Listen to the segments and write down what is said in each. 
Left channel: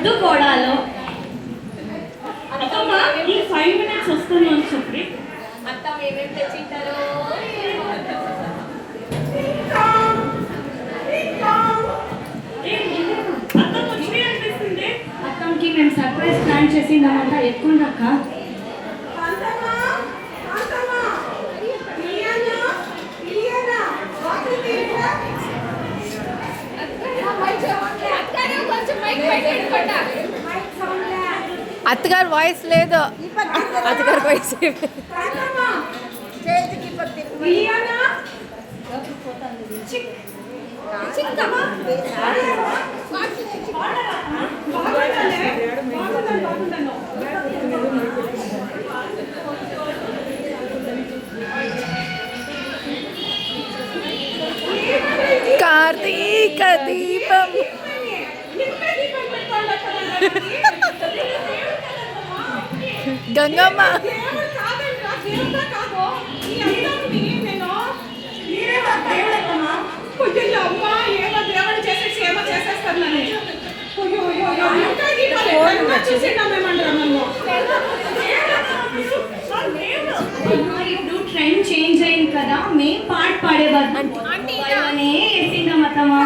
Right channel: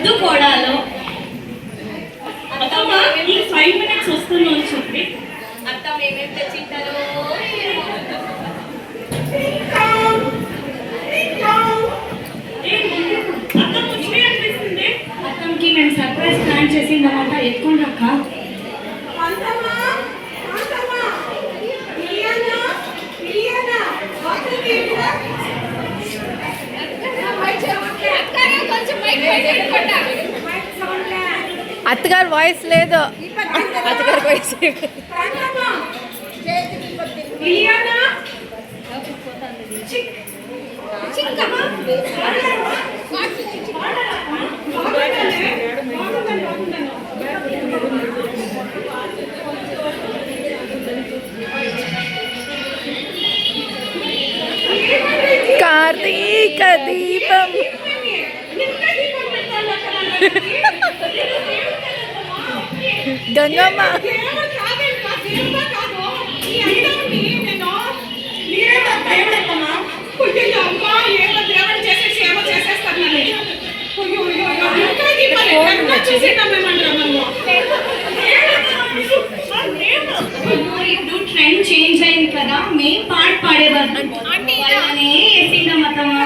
ముద్దు కోడాలో అత్తమ్మ ఈ 5 minutes వస్తుందని చెప్పి అత్తమ్మ ఏమేమి తెచ్చింటారో అత్తమ్మ వచ్చి అనిపిస్తుంది. అత్తమ్మకి మేము సర్ప్రైజ్ ప్లాన్ చేసిందన్నమాట. ఎత్తుకోండి అక్క. అత్తగారు వాయిస్ లేదు. అత్తగారు వాయిస్ కార్తీక దీపం గంగమ్మ ఇప్పుడు ట్రెండ్ చేంజ్ అయింది కదా. మేము పాట పాడేవాళ్ళం వాళ్ళనే వేసిందాం అత్తమ్మ.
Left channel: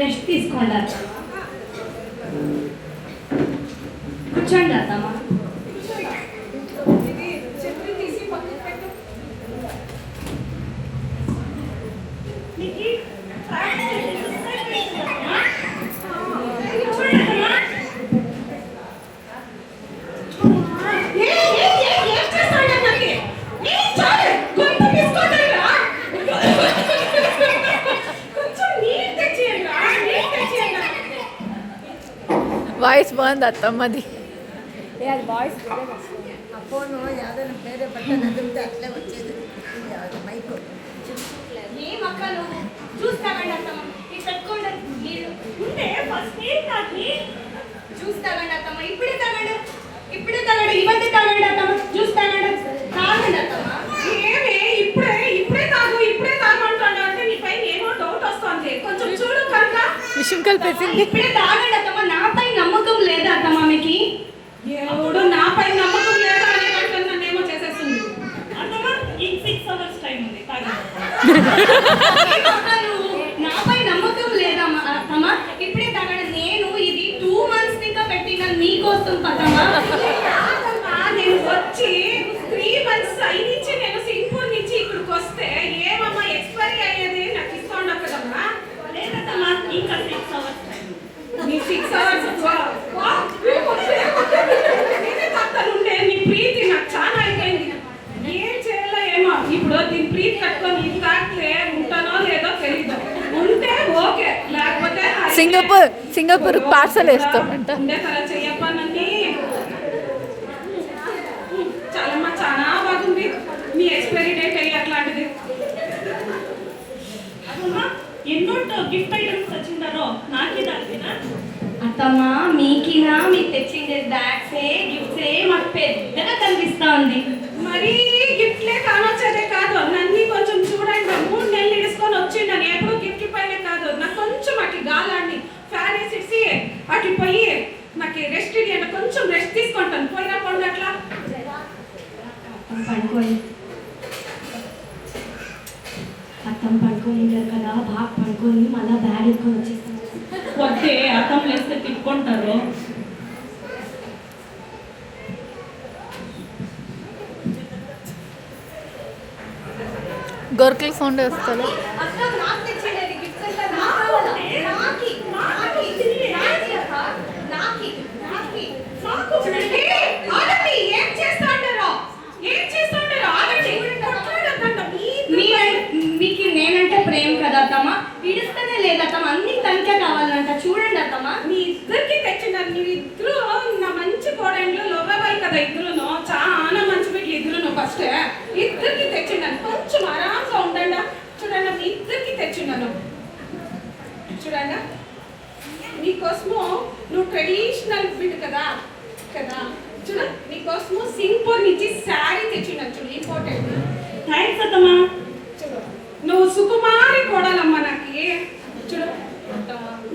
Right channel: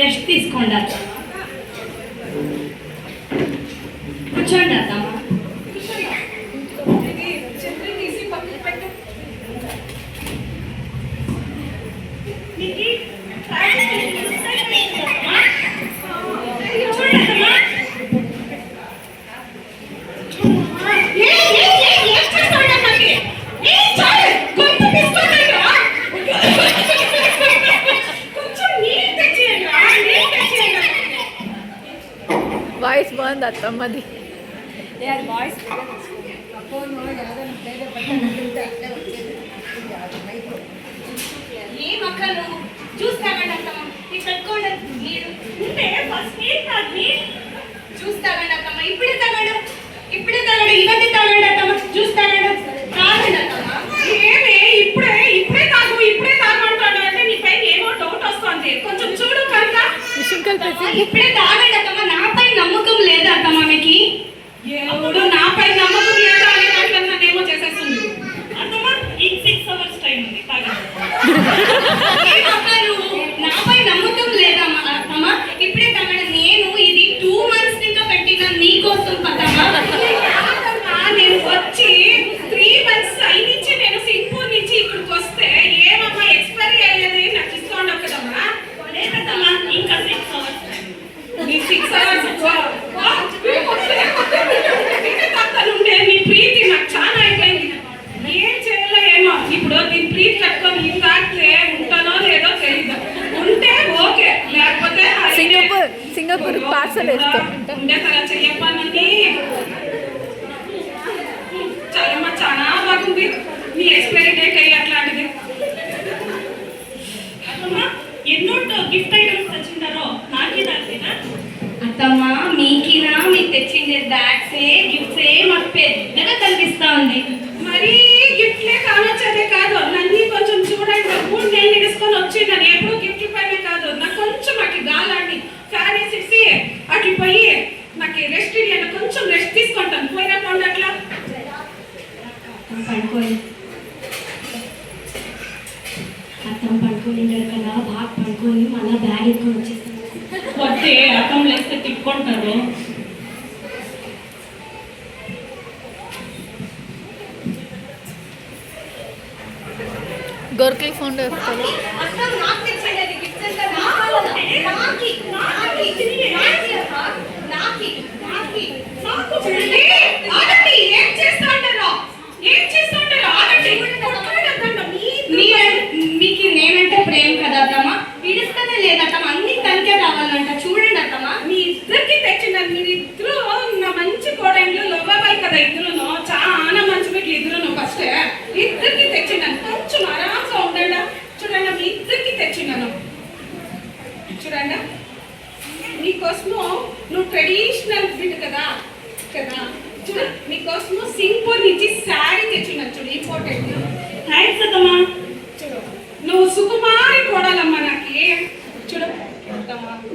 రెస్ట్ తీసుకోండి అత్త. కూర్చోండి అత్తమ్మ. వాయిస్ బాగుంది అత్తమ్మది. ఏమక్క నువ్వు జ్యూస్ తాగండి అత్తమ్మ. నీకు పెట్టుకోండి. ఉంటే ఫస్ట్ జ్యూస్ తాగండి అత్తమ్మ. ఇప్పుడే తాగండి. ఇవన్నీ తాగండి అత్తమ్మ. జ్యూస్ తాగండి అత్తమ్మ. ఏమే ఇప్పుడే తాగు అంటాడు అంటే నీ పైన ఏమో డౌట్ వస్తుంది. కొంచెం చూడు కనుక విషయం కలిపేసింది. ఇప్పుడే తాగండి అత్తమ్మ. నాపై నమ్మకం లేదా అత్తమ్మ మీకు? ఇప్పుడు నాపై నమ్మకం లేదా అని నన్నేమో చేసేస్తుంది. అత్తమ్మ ఇంక 6 hours టైం ఉంది. నాపై నమ్మకం లేదా అత్తమ్మ? ఇప్పుడే తాగండి. నేను ఇది 2 months ఇంకా పెట్టిన నీకోసం పదమ్మా. నేను వచ్చి 3 months అయినుంచి నేను సింగపూర్ నుంచి ఇక్కడికి వస్తే ఏమమ్మా ఎక్స్పైరీ అయ్యేది నాకు ఇస్తూ ఉండవు కదమ్మా. లేదమ్మా ఇంకా 6 hours టైం. నీ 6 hours నేనే తాగుతానుండే. నీ ప్రీతి నాకు చాలా అయిపోయింది. ఏం చేయాలో ఏమో. ఇప్పుడు దీని ప్రీతి కట్టుకొని ఇది తాగితే ఉంటానో లేదో తెలీదు. ఉంటే ఓకే, లేకపోతే సింగపూర్ పార్సల్ వేస్తాం. ఉండే కదా చెయ్యప్పని. చాలమ్మా చాలా బాగుంది. నీ ఎక్స్పైరీ డేట్ అయ్యి అట్లాంటిది. అమ్మా ఎన్నో గిఫ్ట్ ఐటమ్స్ తెచ్చిండారో నాకే తెలిసినా అత్తమ్మ. మీకినా మీకు తెచ్చిండే బ్యాగ్సే గిఫ్ట్సే మాకు పెద్దగా కనిపిస్తా ఉంది. మరీ గిఫ్ట్లే కానొచ్చేదే కాదు. నన్ను కొంచెం చూడండి. 3 నెలలు ఇడుచుకొని వచ్చిందని ఎప్పుడు గిఫ్ట్ పైన కాదు. నాకు కొంచెం అట్లా గాలాండి ఫ్యాన్ వేసేసి అట్లా పోయి నాకు రెస్ట్ ఇవ్వండి. కొంచెం రెస్ట్ తీసుకుంటాను. పోయినా పోండి అట్లా పడుకోండి. అత్తం పడుకొని కదా. బాగా పడుకొని మళ్ళీ బ్యాగ్ ఎత్తుకొని వచ్చేస్తాం. వస్తే అర్థం లేస్తే తిట్టుకుంటారు. గొర్రెల సౌండ్ వస్తుంది. మీకు నేనంటే ప్రేమ కదా అత్తమ్మ. పిలుస్తూనే లేదత్తమ్మ. అన్ని తనకే కావాలంట. చూడండి అత్తమ్మ. మీ ఇద్దరికి తెచ్చినారు. మీరిద్దరు నా మంచి కోడళ్ళు లోబాబాయి కదా. ఇద్దరు చాలా మంచి మీకు ఇద్దరు ఫస్ట్ ఇద్దరికి తెచ్చినాను. కొంచెం ఆరాంగా ఉండండి. చూడండి మీ ఇద్దరికి తెచ్చినాను. చూడండి నీకోసము నువ్వు ట్రెడిషనల్ ఫిట్ కదా కదా చూడు నీకోసము సింగపూర్ నుంచి శారీ తెచ్చున్నాను చూడు ఇంపార్టెంట్. థ్యాంక్స్ అత్తమ్మా. చూడు నువ్వు సుకుమారి కోడలమ్మ నాకి. చూడు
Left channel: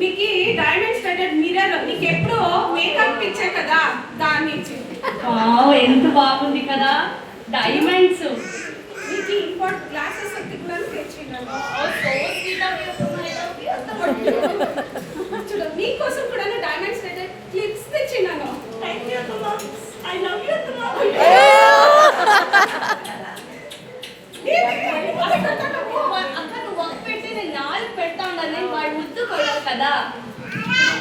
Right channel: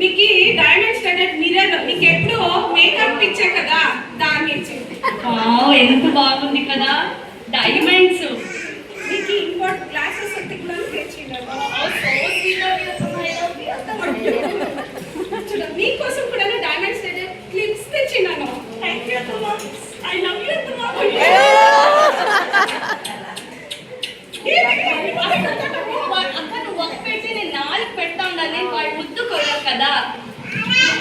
నీకు డైమండ్ స్టడెడ్ మిర్రర్ నీకు ఎప్పుడు మేకప్ ఇచ్చే కదా దాన్ని ఇచ్చింది. వావ్, ఎంత బాగుంది కదా డైమండ్స్. నీకు ఇంపార్టెంట్ గ్లాసెస్ ఒకటి కూడా తెచ్చిండాను. చూడు నీకోసం కూడా డైమండ్ స్టడెడ్ క్లిప్స్ తెచ్చినాను. థ్యాంక్ యూ అత్తమ్మా. ఐ లవ్ యూ అత్తమ్మా. అక్క నువ్వు ఒక పెట్టి నేను 4 పెడతా ఉండాలి, వాడు ముద్దు కొయ్యాలి కదా.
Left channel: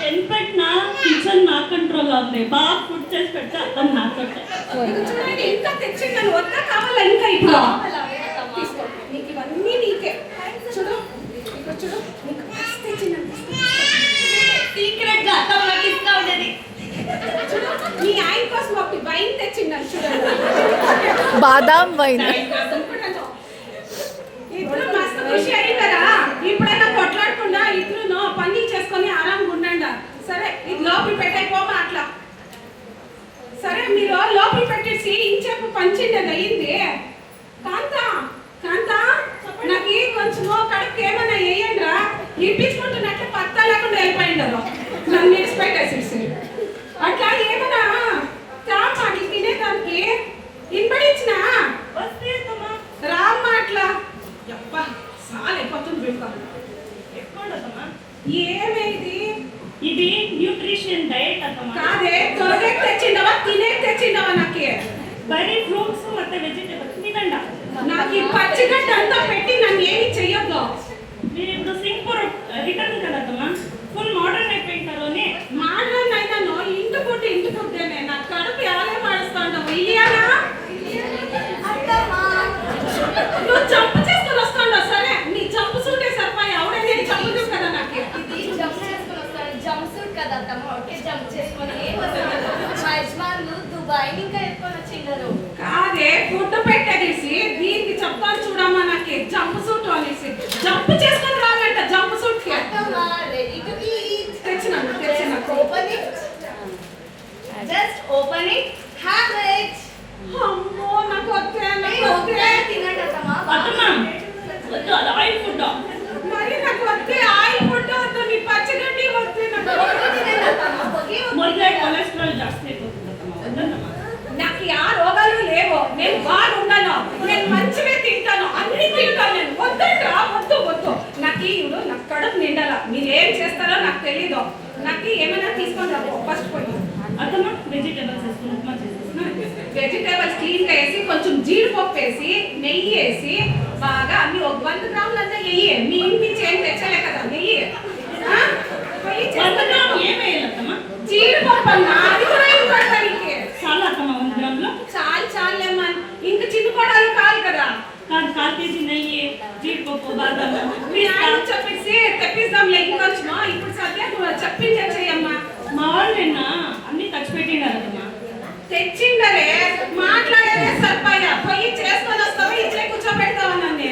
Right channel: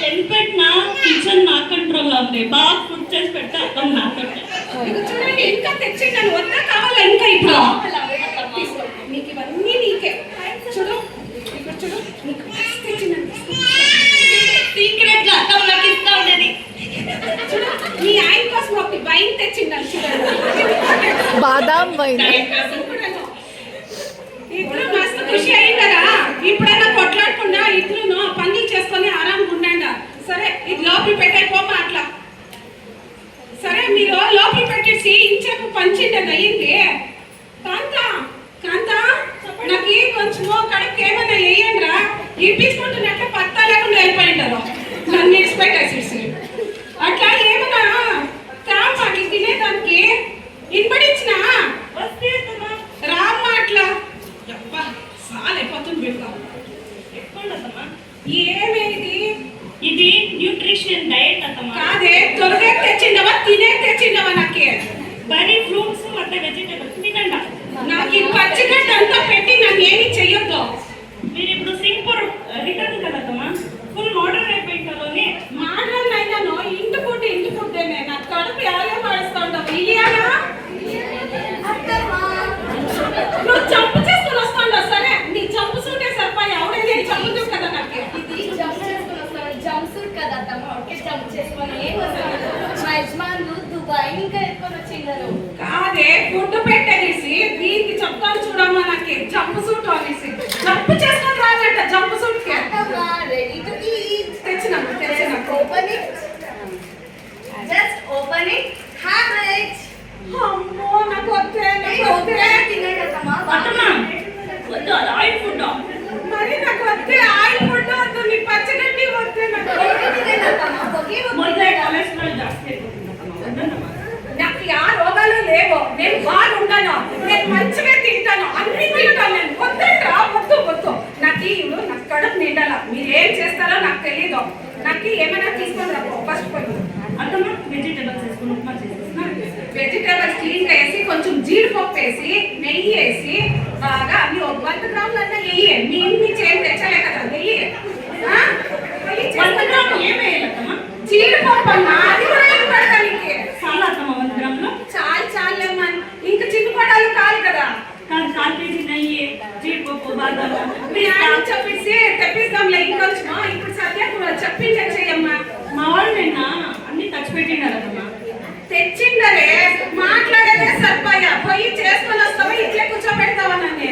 ఎంత పెట్టినా కిచెన్ నా కంట్రోల్లో ఉంది. బాగా ఫుడ్ చేసి పెడితే అత్తమ్మ నా ఇది చూడండి ఇంకా తెచ్చిండాను. వద్దా కావాలా ఇంకా ఇప్పుడు కావాలా అత్తమ్మ? తీసుకో. నీకు ఇవన్నీ నీకే. చూడు ఇక్కడ చూడు నీకు ఫస్ట్ తెచ్చినాను. సీక్రెట్ గా అత్తమ్మ నాకు ఇస్తా ఉండేది. చూడు నీ ఆయన కోసం ఒకటి వైన్ తెచ్చిండాను చూడండి. బాదాం వైన్. ఇద్దరు మస్తు ఖుషి అయిందరా. ఇప్పుడైనా కొట్లాడకుండా ఇద్దరు పనులు చేసుకొని ఆరాంగా ఉండండి. సరే ఇది లోపలి పెట్టైపోమా అట్లా. సరే మీరు లోపలి పెట్టేసి ఇంచేపు పంచిండి అయ్యింది. కాంతా కాంతా నాకు కొంచెం కడుపు ఏమైనా వేయండిరా. ఇప్పించుకుంటున్నట్టు పత్తా లేకుండా వెళ్ళిపోయిండారు. నన్ను విడిచిపెట్టేసి అట్లా ఏమన్నా తాపాకి తినేదానికి ఇన్పడించిన వస్తే అత్తమ్మా. రామ్మా అట్లా. అబ్బా సాలైపోతుంది బిడ్డ. ఎక్కువండి అత్తమ్మా. ఏమేది ఇది న్యూట్రిషన్ డైట్ అత్తమ్మా. కాదే త్వరగా తెచ్చిండవా తినే తెచ్చిండవా నాకే. బరీ ఫ్రూట్స్ ಮತ್ತೆ వెజిటేబుల్స్ తినండి. నాకు ఈ పచ్చిగడ్డ అంతా పెట్టి నన్ను ఏమి చెయ్యొద్దు. మీరు ఇప్పుడు సింగపూర్ రిటర్న్ కదా అత్తమ్మా. ఫుల్ మోడర్న్ అయిపోయింటారు అని. మాట్లాడిన అయినాను ఇంటి ఫుడ్డేనే. నాకు కడుపు ఎవరే మాడుస్తాండవు ఇయ్యానా. నువ్వు జంపు చేసుకుని వస్తాండవు. సరే నీ జంపు సూటే సరిపోయి అవునే నేను చంపుదు కదా నాకు. ఇది జంప్ చేసుకొని వస్తాను. జంప్ సూట్ కదా అత్తమ్మ, ఒకే జంప్ చేసుకొని వస్తాను. మా యజమానులు దుబాయ్ ఇంకా ఎత్తుకొని వచ్చిండారు. కాదే ఫుడ్ పెట్టేసి దీనికి చెప్తాను చూడమ్మా. నాకు జంపు సూట్ అనేసి జంపు చేసుకొని రాలంట. జంపు సూట్ కి అత్తమ్మ రెడీ టు ఈట్. తెచ్చినాము. Open it, just open it, have it. అమ్మో నాకు వద్దే తినండి అత్తమ్మ. అత్తమ్మా వద్దు, అది ఆయిల్ ఫుడ్. మరి నాకు వద్దే ఆయిల్ ఫుడ్ వద్దు. నీ పచ్చగడ్డి వద్దే నాకు. తినండి అత్తమ్మ. పొగి మొదలై కొలెస్ట్రాల్ జాస్తి అయిపోతుంది అత్తమ్మా. వద్దమ్మా. నాకు ఆ రోగాలు లేవు. నేను బాగుండాను. నేను మంచిగా తింటాను. అన్ని తింటాను నేను. వద్దంటా వద్దు. నాకు నాకు కడుపు నిండాల. మీరు ఏం చేస్తారో నాకు తెలీదు. నాకు ఏమైనా తీసుకొని రా ఫస్ట్ పోయి. అత్తమ్మా వెజిటేబుల్స్ వేసుకుని ఉప్మా చేసుకుంటున్నాను. వెజిటేబల్స్ క్లీన్ గా వేసి కొంచెం జీడిపప్పు వేసి నెయ్యి వేసి బాగా అన్ని 100 గ్రాములు అన్నా నెయ్యి. మీ ఇంటి ఏం తెచ్చలే కదా నెయ్యి. ఆ? పోయి 100 చేస్తా. గ్రాములు ఏం వేయాలి అత్తమ్మా? జీడిపప్పు అన్నా అది కూడా ఏం పెడతానికి. చాలా అత్తమ్మా 100 గ్రాములు. చాలేమ్మా. ఇంకా చిన్న పడాలు కాదు కదా. కాదు, 4 కేజీ నెయ్యి, జీడిపప్పు, బాదాము. మీ ఆయన చెప్పేసి తెప్పిస్తాంలే ఇంకొచ్చిన. ఇప్పుడు సత్య చెప్పించమ్మా. మా వాళ్ళు నిన్న అన్ని ఖర్చు పెట్టినారు అత్తమ్మా. తెచ్చిండరే మాట్లాడేదే సరిపోయా. పోయి చేసుకొని వస్తావా ఇట్లే కూర్చోబెడతావా నన్ను.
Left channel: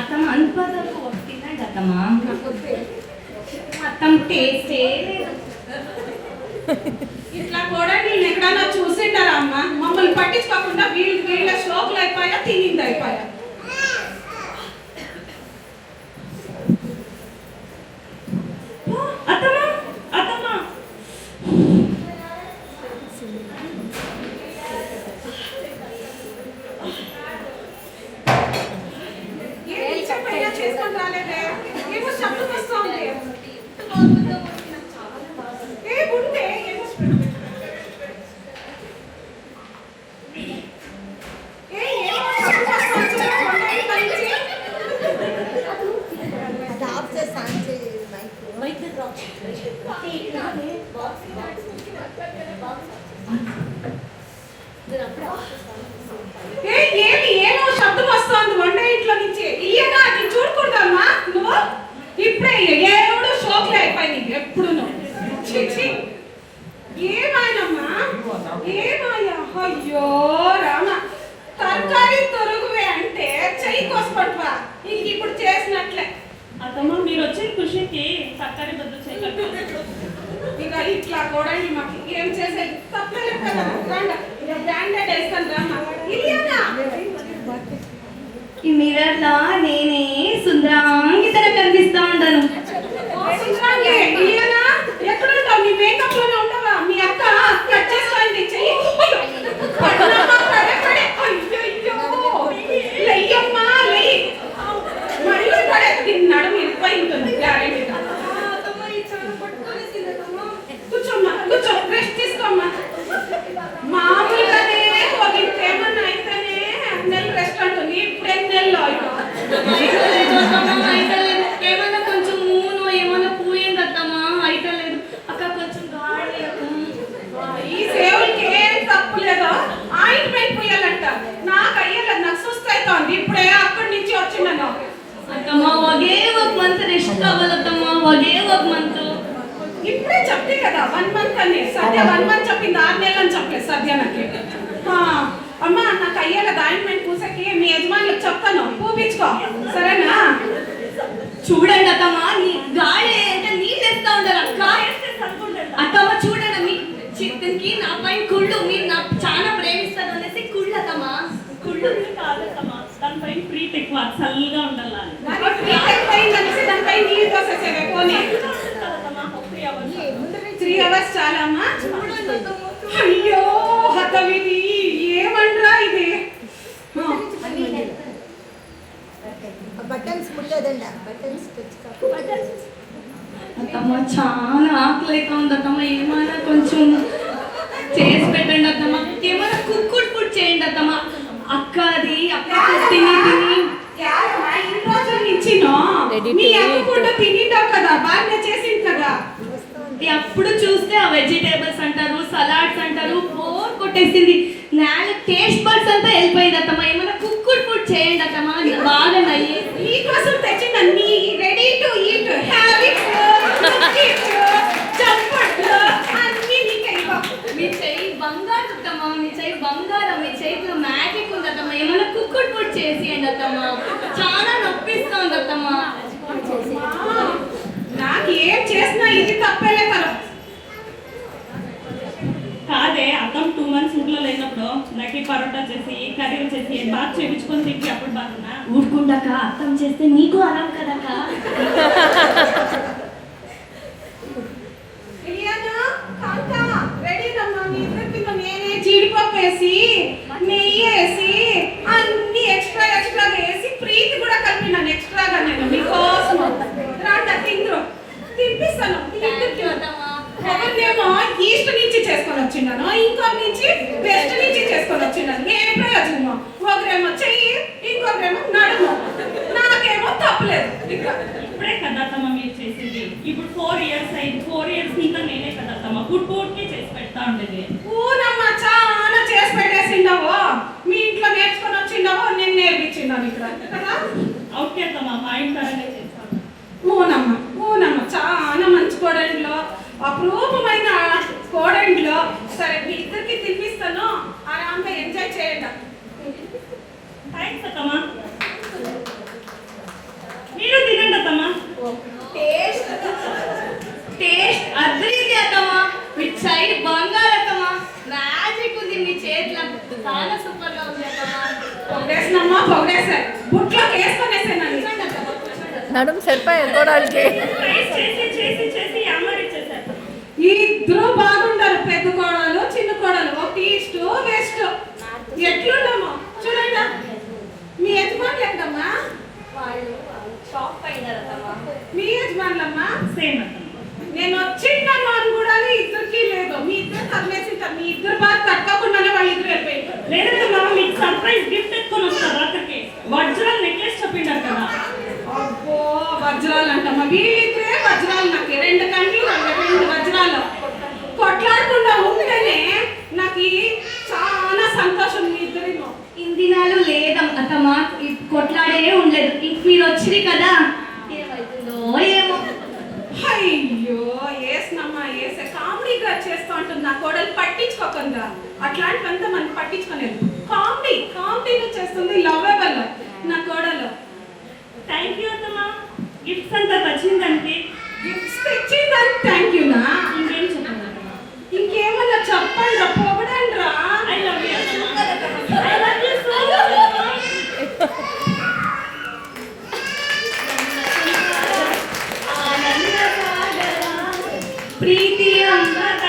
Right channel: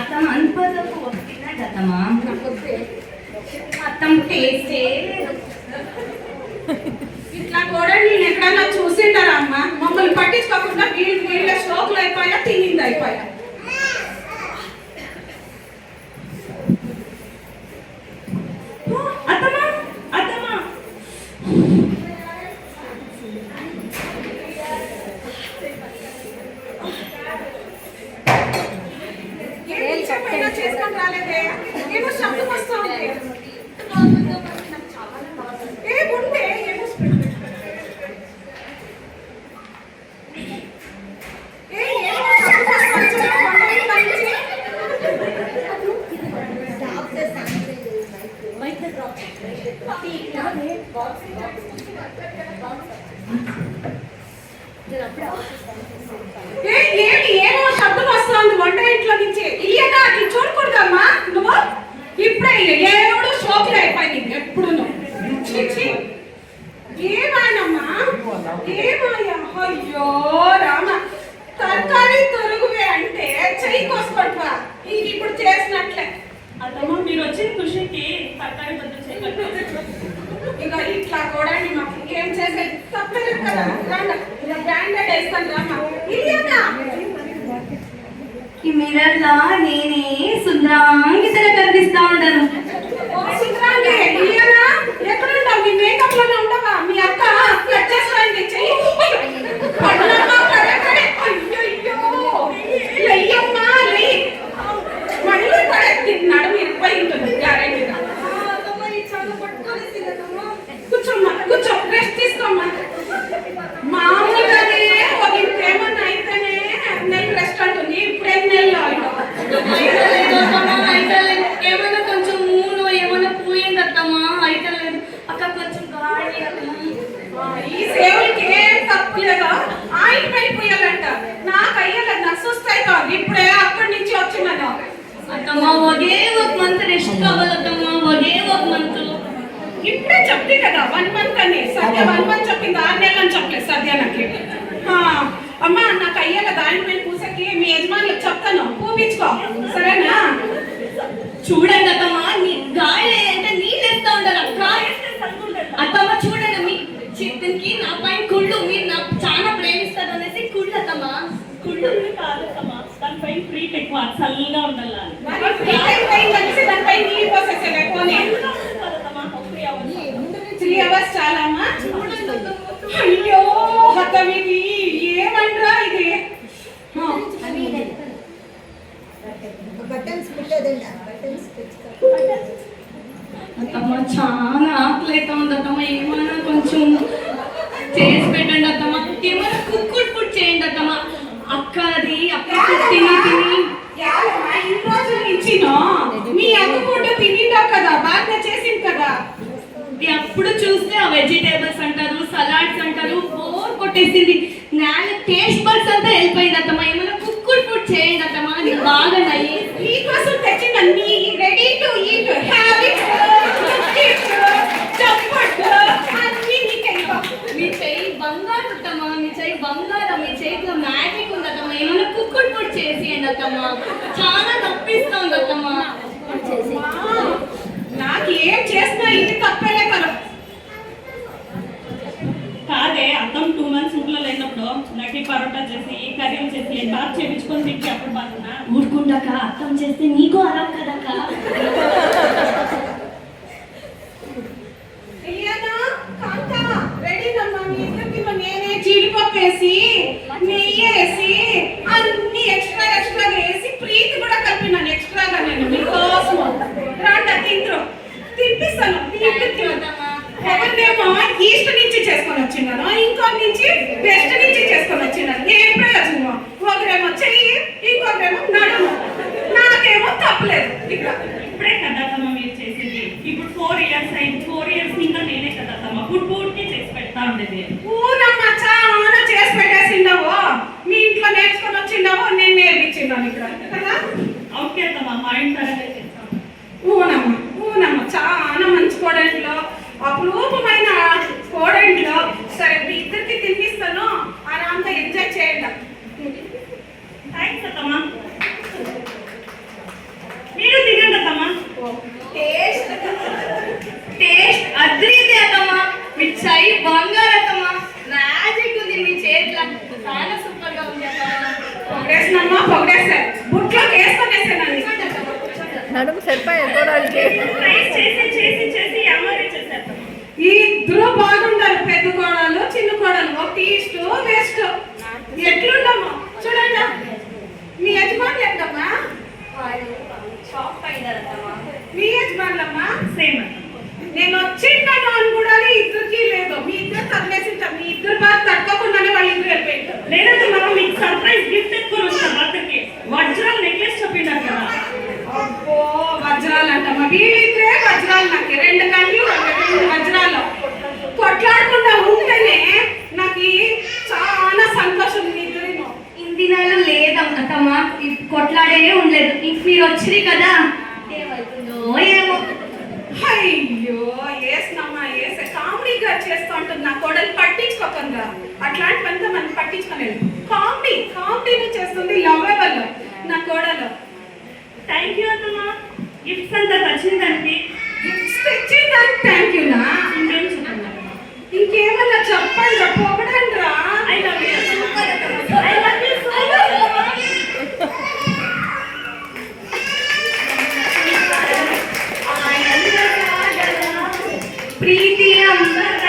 అత్తమ్మ అనుకోదకు తినండి అత్తమ్మ. అత్తమ్మ టేస్టే ఇట్లా కూడా నేను ఎక్కడన్నా చూసిండారా అమ్మ. మమ్మల్ని పట్టించుకోకుండా వీళ్ళ స్ట్రోక్లు అయిపోయా తినింది అయిపోయా. అత్తమ్మా అత్తమ్మా ఏం చెప్పైనా చేసుకొని రాలేదే. ఏమో శబ్దం వస్తా ఉంది. ఏముందే ఏమో ఏమో శబ్దం వస్తుంది వంట ఇంట్లో నుంచి. ఇయ్యగా అది చూడకూడదమ్మా నువ్వు. ఇప్పుడే ఏడు షోకులు అయిపోయింది ఎప్పుడు. ఏమాయనమ్మా ఏమాయా. అయ్యో రామ. తరకారీ తొరుగువే అంటే చెయ్యి కోసుకుంటా. ఇంక ఇప్పుడు చేసినట్లే. అత్తమ్మా మీరు వచ్చిన ఖుషికి తరకారీ బదులు చేయగలరు. ఇక ఇట్లా కూడా మాకు ఏం చేసేది తప్పలేదు కదా రాండా ఇక బ్రాండెడ్ వేస్తాను రామ్మా ఇలియానా ఈ మిర్రర్ లా నేనే సుందరాంగి తర కనిపిస్తా ఉంటాను. ఓ సుందరాంగి ఇలియానా ఎక్కడ ఉంటావు నీ మేకప్ లోనే ఉండవా మీ అక్క కట్ చేస్తాండి చెయ్యి పడనమ్మా పడే పడే అయ్యో లెయ్యమ్మా లెయ్యి మళ్ళీ పడే తిన్నాడు ఇరిపోయి ఉంటుంది గ్యారెంటీగా కూర్చోమ్మా కూర్చో రెస్ట్ తీసుకోమ్మా మామూలుగానే ఒక ఇంకేమన్నా అయితేనే నెల రెస్ట్ అంటుంది ఇప్పుడేం నెలలో ఏమైనా కొంచెం మూనో ఏమైనా పూయండి అత్తమ్మా అయితలేదు అక్క కొంచెం గాడి ఈ సేవలకి ఏం తప్పు లేదు ఆయింట్మెంట్ పోయాలంట నాకు అయ్యలేదు నాకు సుస్థ అవుతోంది ఇప్పుడే అక్కడి నుంచి వచ్చినాను అత్తమ్మా ఒకే ఒక మంత్ రెస్ట్ కావాలత్తమ్మా ఒకే ఒక మంత్. ఇప్పుడే చెప్తే కదా 1 మంత్ అని సద్య 1 మంత్ చెప్పింది 6 నెలలు అని చెప్పలేదు సద్య నాకు అమ్మా నాకు అయ్యలేదు ఆయింట్మెంట్ పూసకి మీ యజమానికి చెప్తాను పూపించుకో సరేనా చూడండి అత్తమ్మా నీ గాలి అంటే నీళ్ళు వేస్తా ఉంటారు అత్తమ్మ చూడండి మీ చిత్తనికి నా పైన కుళ్ళు మీరు నాకు చాలా ప్రేమిస్తారు అనేసి కుళ్ళు అత్తమ్మా కుళ్ళు కాదమ్మా దానిపైన ప్రీతి ఎక్కువ చల్లగా ఉండాలి దానిపై నీళ్ళు పోసేసేవే పోనీ 3 అవర్స్ చాలా అమ్మా అయ్యో హతవిధి ఏమంటారా ఇది అత్తమ్మ చాలా ఆకలి అవుతుంది అత్తమ్మ ఏమైనా కొంచెం చేసి పెట్టండి అత్తమ్మ ఏమైనా కుక్కుడు ఫుడ్ చేయండి అత్తమ్మ అక్క అది అప్పుడు తిని తిని ఇన్ని రోజుల నుంచి మీ అక్క కూడా తినింటావు కదా బాగా చేసింది కదా అప్పుడు చూస్తే ఆ వెజిటేబుల్స్ అంటారు సలాడ్స్ అంటారు బోర్ కొట్టేసింది నేల టేస్ట్ బడ్స్ అంతా వెళ్ళిపోయింది అత్తమ్మ ఏమైనా కుక్కుడు ఫుడ్ చేయండి అత్తమ్మ బాగా నయ్యి నీకోసం తెచ్చిన నీ రెడీ టు ఈట్ హ్యాబిట్ అన్ని నీకైపో మీ చెయ్యి బంగారు అత్తమ్మ మీ చెయ్యి బంగారం మీ చేతిలో మ్యాజిక్ ఉంది అత్తమ్మ ఏమైనా కుక్కుడు ఫుడ్ చేసేయండి అత్తమ్మ చాలా నొప్పిస్తుంది అత్తమ్మ నాకు ఏం చేసినా ఇది తప్పేలే కదా కాదే అర్థం 2 months ఊర్లో లేనప్పుడు లడ్డీ పరోటా చేసి కర్రీలు చేసి బాగా చేయించుకొని తింటే అప్పుడు బాగున్నా ఊరుకుంటాక అర్థం చేస్తే నీకు అలం కదక్క ఇలియానా కాంతా రెడీనమ్మా మీ ఇద్దరికి నేనే జీడిపప్పు వేసి నెయ్యి వేసి అన్ని ఎక్స్ట్రా వేసి ప్రీతి కూడా కలిపినాను ఎక్స్ట్రాగా నేను మీకోసం రాండా తిండ్రు తినిపిస్తాను మీ ఇద్దరికి ఎవరినేమో ఈస్ట్ నుంచి చేసుకొని వచ్చిన్నాను ఇంకో నుంచి వెస్ట్ నుంచి చేసుకొని వచ్చిన్నాను ఏ ప్రయోజనం ఒకరేమో చెయ్యి ఇంకొకరేమో నడుము నాకేమో తప్పలేదు ఇక్కడ ఇప్పుడే కదా తమ్మ మీరు చేసేది ఇప్పుడు 4 years అయింది 4 years ఇంకా నేనే కదా తమ్మ పూర్తిగా చేసి పెడతా ఉండేది ఊరమ్మ చాలా చేసి పెట్టేసిండవు మీ ఇంట్లో నేర్చుకొని వచ్చిండవు నేను నేర్పించిండాను ఇక్కడ కదా అవుట్ తమ్మ మా ఇంటనే చేస్తాను ఊనమ్మ చాలా మంచి కోడెంట్లో అపురూపమైన కోడెంట్లో సరే మీ ఇద్దరికి తినిపిస్తాను ఆరాంగా ఎంజాయ్ చేయండి థ్యాంక్స్ అత్తమ్మ మీరు తినండి అత్తమ్మ టేస్ట్ అద్రీది అత్తమ్మ మీ చెయ్యి బంగారు అత్తమ్మ మ్యాజిక్ ఉంది మీ చేతిలో చాలా సూపర్ గా ఉంది అత్తమ్మ పొగేసారు బుట్లోకి వేసుకొనేసానండి నడుము సరిపోయి కోరాలకి ట్రైస్ చేసి చేసి చేసి అమ్మరి చేశారు ఈ ఇద్దరు బాగుంటారు పెద్ద కోడలు చిన్న కోడలు ఒక ఈస్ట్ వెస్ట్ ఎట్లుండమ్మా చూడండి మీ యజమానులు ఎక్కడమ్మా షాప్ పైన మీ యజమానులమ్మా సేమ్ అత్తమ్మ నేను వచ్చింటాను అని కూడా ఇద్దరికి లేదు మీ ఇద్దరు తగిలేసింటారు మీ ఇద్దరు బాగా తట్టుకోకుండానే వాళ్ళు ఇద్దరు వెళ్ళిపోయింటారు లేదంటే మీకు సర్ప్రైజ్ గిఫ్ట్ ఎత్తుకొని వస్తారు రాత్రికి వజ్రాల నెక్లెస్ చెప్పిండారు కదా అబ్బో వజ్రాలు అంటమ్మా వీళ్ళిద్దరే వజ్రాలు నాకు 2 కండ్లు 2 వజ్రాలు కొట్లాడకుండా ఉంటేనే నాకు చాలా సంతోషం మీ ఇద్దరేమో ఇన్ని దినాలు లేదత్తమ్మ కొట్లాడే ఉండలేదు ఇంక మీరు వచ్చింది కదా ఏమవుతుందో ఏమో అయ్యో ఏసినమ్మా ఏసే కామెడీగా చేస్తూ ఉంటుంది నా కోడలు పట్టించుకోకుండా అట్లాంటివంతా మనం పట్టించుకోలేదు కామెడీగా చేస్తుంది లవ్వబుల్ నా కోడలు థ్యాంక్ యూ అత్తమ్మ గిఫ్ట్స్ అంతా వచ్చిందంటే గిఫ్ట్స్ తెచ్చిందని థ్యాంక్ యూ నా ఇంకేం చెప్పండి ఇంకేమన్నా చెప్పండి రా, పొగడండి రా. ఐ లవ్ యూ సూపర్ అత్తమ్మ. I love you so much. Preethi అంబర